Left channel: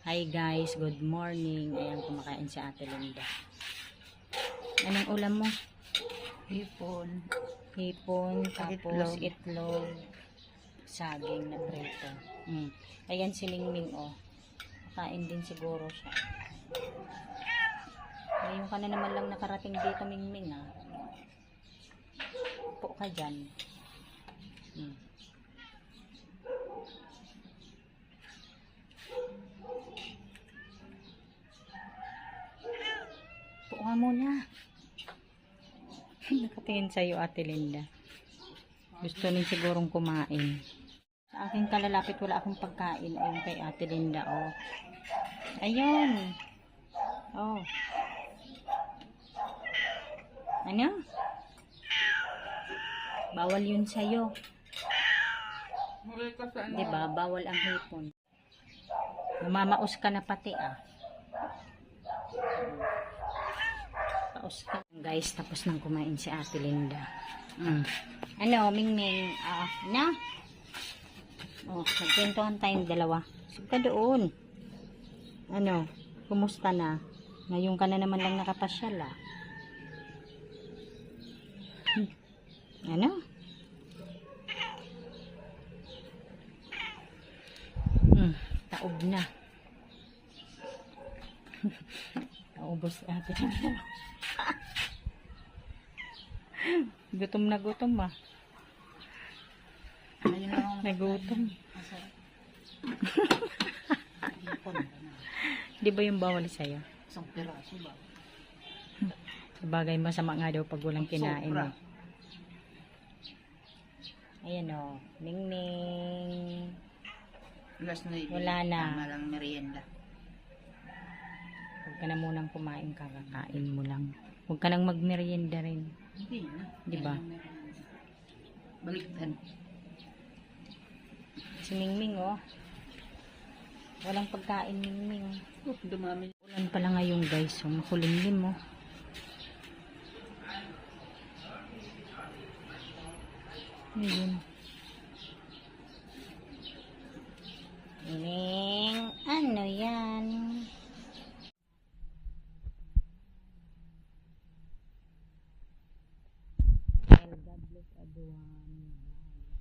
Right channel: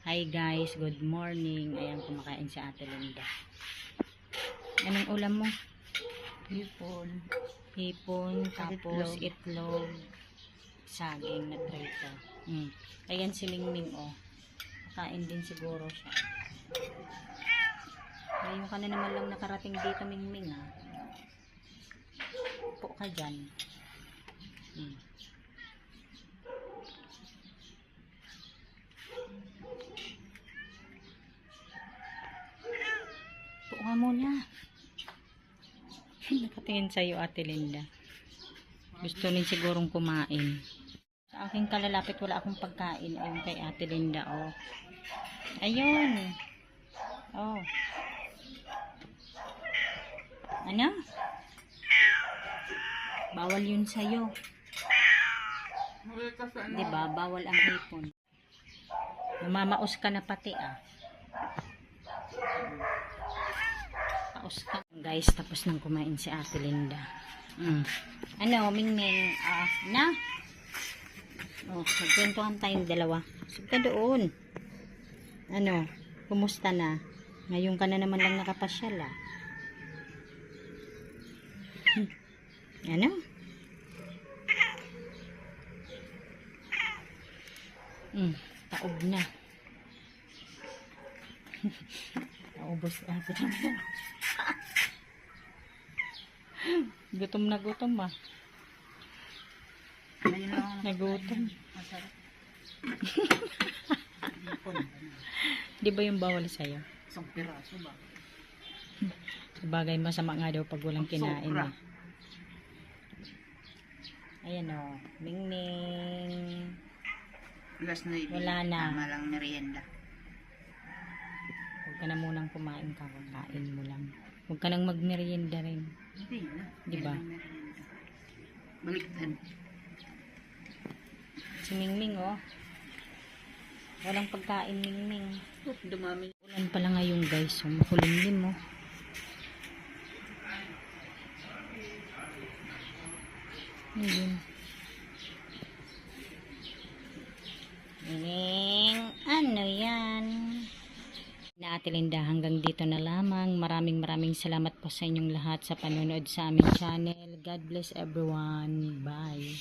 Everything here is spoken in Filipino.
Hi guys, good morning. Ayan, kumakain si Ate Linda. Anong ulam mo? Hipon. Hipon, tapos itlog, saging na prito. Ayan si Mingming, oh. Kain din siguro siya. Ngayon ka na naman lang nakarating dito, Mingming, ah. Upo ka dyan. Upo ka muna. Nakatingin sa'yo, Ate Linda. Gusto rin sigurong kumain. Sa aking kalalapit, wala akong pagkain. Ayun kay Ate Linda, oh. Ayun. Oh. Ano? Bawal yun sa'yo. Diba? Bawal ang hipon. Namamaos ka na pati, ah. Paos ka. Guys, tapos nang kumain si Ate Linda. Ano, Mingming? Na? Oh, magkwentuhan tayong dalawa. Sige ka doon. Ano, kumusta na? Ngayon ka na naman lang nakapasyal, ah. Ano? Taob na. Naubos si Ate Linda. Gutom na gutom, ah. Nagutom. Di ba yung bawal sa'yo? Isang piraso ba? Sabagay, masama nga daw pag walang kinain, eh. Ayan, oh. Mingming. Wala na. Tama lang merienda. Huwag ka na munang kumain, kakakain mo lang. Huwag ka nang magmerienda rin. Hindi na. Diba? Baliktan. Si Mingming, oh. Walang pagkain, Mingming. Dumami. Ulan pala ngayon, guys. Oh. Makulimlim, oh. Ayun. Ming, ano yan? Na Ate Linda, hanggang dito na lamang. Maraming salamat po sa inyong lahat sa panonood sa aming channel. God bless everyone. Bye.